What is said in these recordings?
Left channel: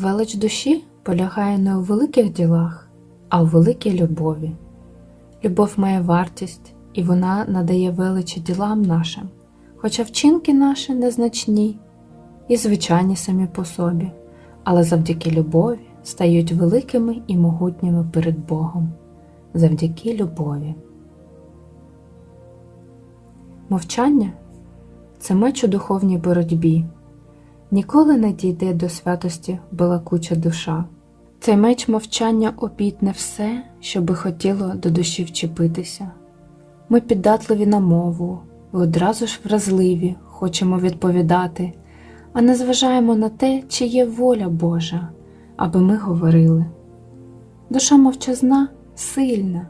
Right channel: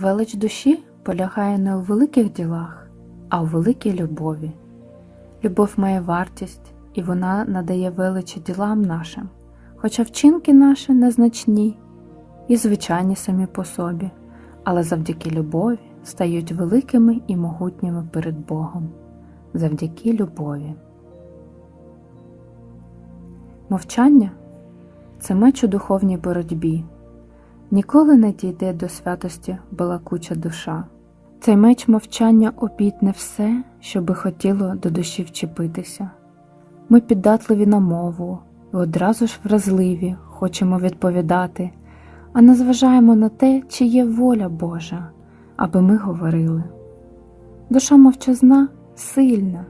Велич душі полягає не у великих ділах, а у великій любові. Любов має вартість, і вона надає величі ділам нашим, хоча вчинки наші незначні і звичайні самі по собі, але завдяки любові стають великими і могутніми перед Богом, завдяки любові. Мовчання це меч у духовній боротьбі. Ніколи не дійде до святості балакуча душа. Цей меч мовчання обітне все, що би хотіло до душі вчепитися. Ми піддатливі на мову, і одразу ж вразливі, хочемо відповідати, а не зважаємо на те, чи є воля Божа, аби ми говорили. Душа мовчазна сильна,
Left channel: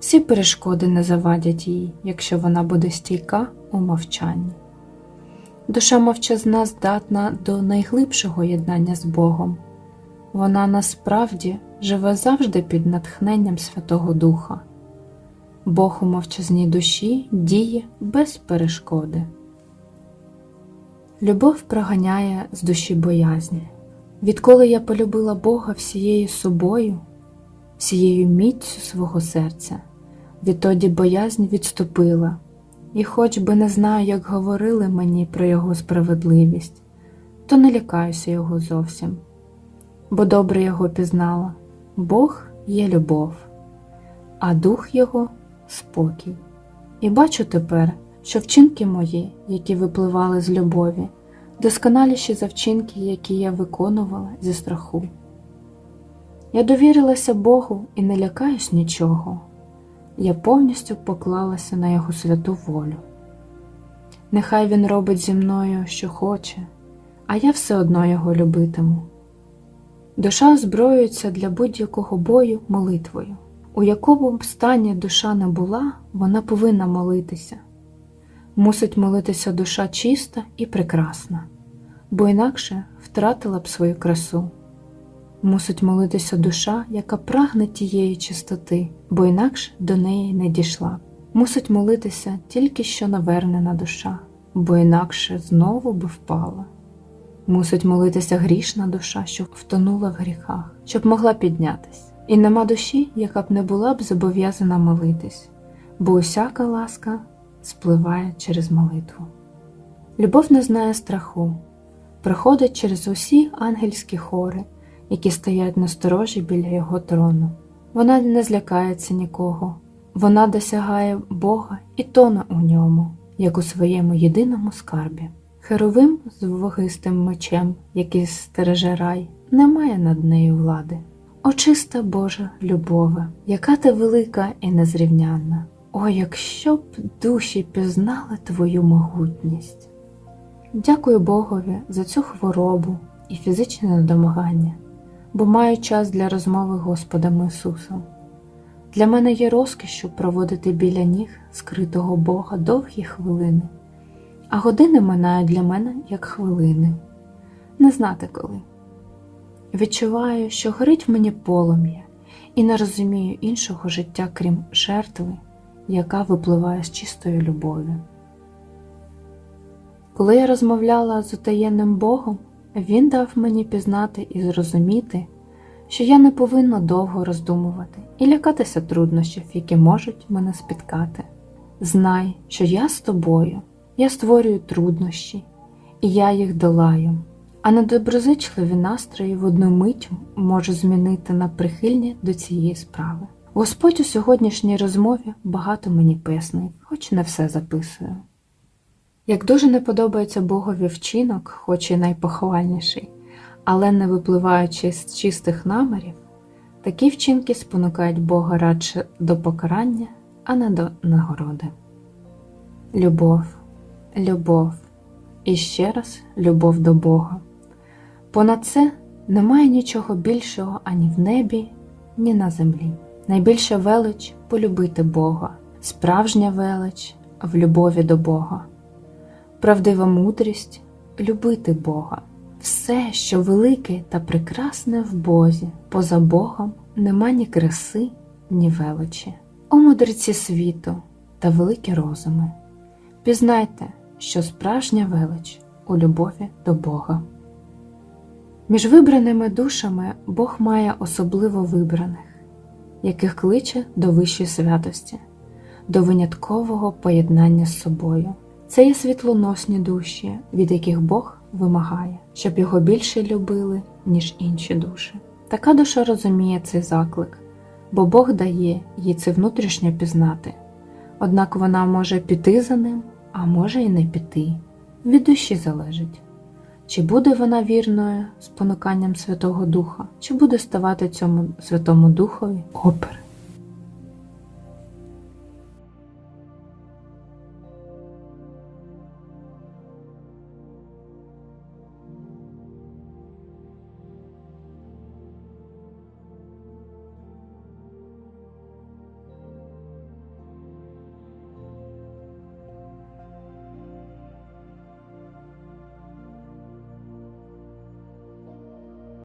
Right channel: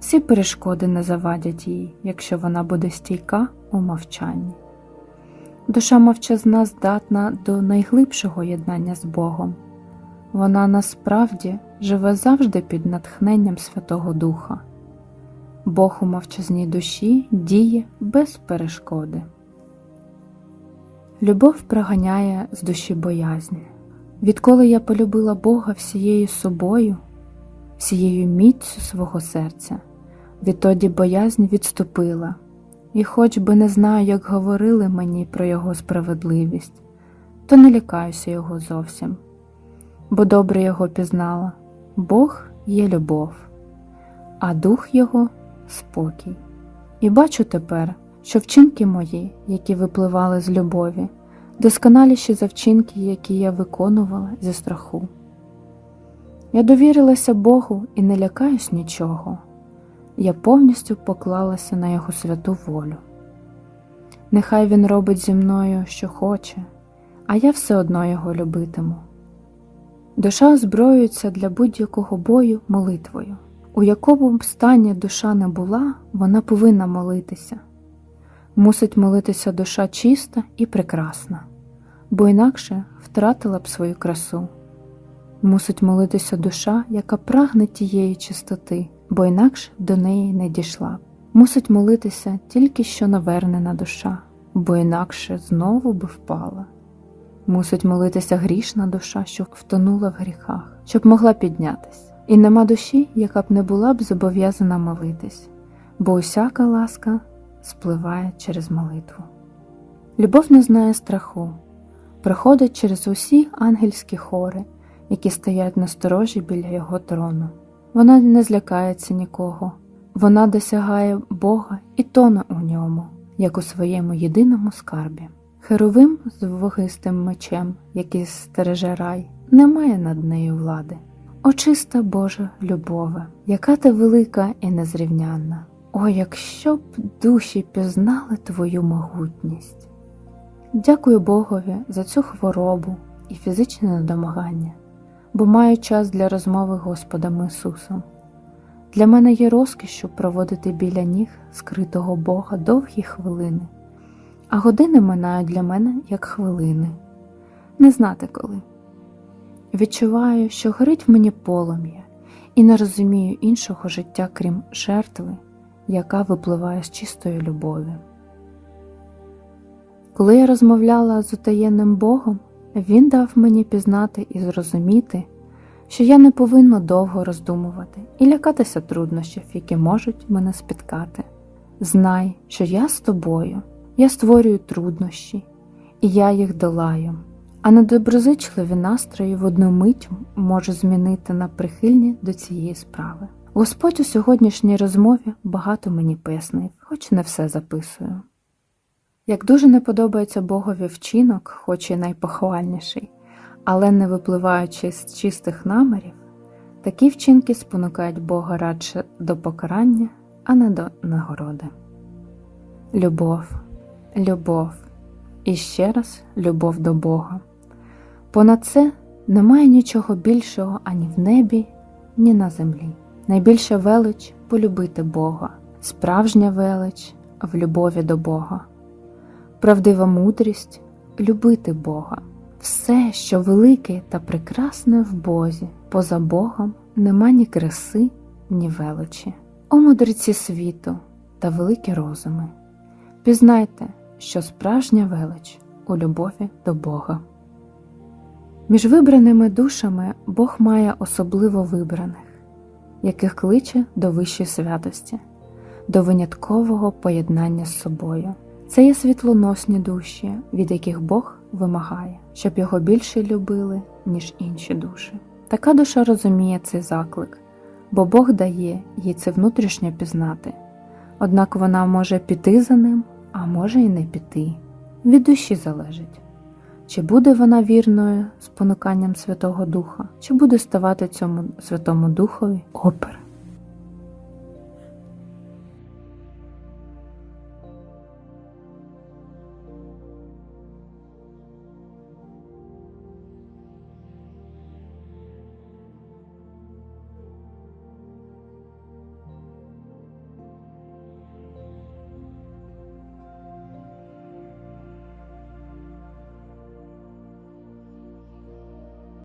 всі перешкоди не завадять їй, якщо вона буде стійка у мовчанні. Душа мовчазна здатна до найглибшого єднання з Богом. Вона насправді живе завжди під натхненням Святого Духа. Бог у мовчазній душі діє без перешкоди. Любов проганяє з душі боязні. Відколи я полюбила Бога всією собою, всією міцю свого серця, відтоді боязнь відступила, і хоч би не знаю, як говорили мені про Його справедливість, то не лякаюся Його зовсім, бо добре Його пізнала Бог є любов, а дух Його спокій. І бачу тепер, що вчинки мої, які випливали з любові, досконаліші за вчинки, які я виконувала зі страху. Я довірилася Богу і не лякаюсь нічого. Я повністю поклалася на Його святу волю. Нехай Він робить зі мною, що хоче, а я все одно його любитиму. Душа озброюється для будь-якого бою молитвою. У якому б стані душа не була, вона повинна молитися. Мусить молитися душа чиста і прекрасна, бо інакше втратила б свою красу. Мусить молитися душа, яка прагне тієї чистоти, бо інакше до неї не дійшла. Мусить молитися тільки що навернена душа, бо інакше знову би впала. Мусить молитися грішна душа, що втонула в гріхах, щоб могла піднятись. І нема душі, яка б не була б зобов'язана молитись, бо усяка ласка спливає через молитву. Любов не знає страху, проходить через усі ангельські хори, які стоять на сторожі біля його трону. Вона не злякається нікого, вона досягає Бога і тоне у ньому, як у своєму єдиному скарбі. Херовим з вогистим мечем, який стереже рай, не має над нею влади. О, чиста Божа любове, яка ти велика і незрівнянна! О, якщо б душі пізнали твою могутність! Дякую Богові за цю хворобу і фізичне недомагання, бо маю час для розмови Господом Ісусом. Для мене є розкішю проводити біля ніг скритого Бога довгі хвилини, а години минають для мене як хвилини, не знати коли. Відчуваю, що горить в мені полум'я, і не розумію іншого життя, крім жертви, яка випливає з чистої любові. Коли я розмовляла з утаєнним Богом, Він дав мені пізнати і зрозуміти, що я не повинна довго роздумувати і лякатися труднощів, які можуть мене спіткати. Знай, що я з тобою, я створюю труднощі, і я їх долаю а недоброзичливі настрої в одну мить може змінити на прихильні до цієї справи. Господь у сьогоднішній розмові багато мені пояснив, хоч не все записую. Як дуже не подобається Богові вчинок, хоч і найпохвальніший, але не випливаючи з чистих намірів, такі вчинки спонукають Бога радше до покарання, а не до нагороди. Любов, любов і ще раз любов до Бога. Понад це немає нічого більшого ані в небі, ні на землі. Найбільша велич полюбити Бога, справжня велич в любові до Бога, правдива мудрість любити Бога. Все, що велике та прекрасне в Бозі, поза Богом нема ні краси, ні величі. О мудреці світу та великі розуми. Пізнайте, що справжня велич у любові до Бога. Між вибраними душами Бог має особливо вибраних, яких кличе до вищої святості, до виняткового поєднання з собою. Це є світлоносні душі, від яких Бог вимагає, щоб його більше любили, ніж інші душі. Така душа розуміє цей заклик, бо Бог дає їй це внутрішньо пізнати. Однак вона може піти за ним, а може і не піти. Від душі залежить, чи буде вона вірною спонуканням Святого Духа, чи буде ставати цьому Святому Духові опер.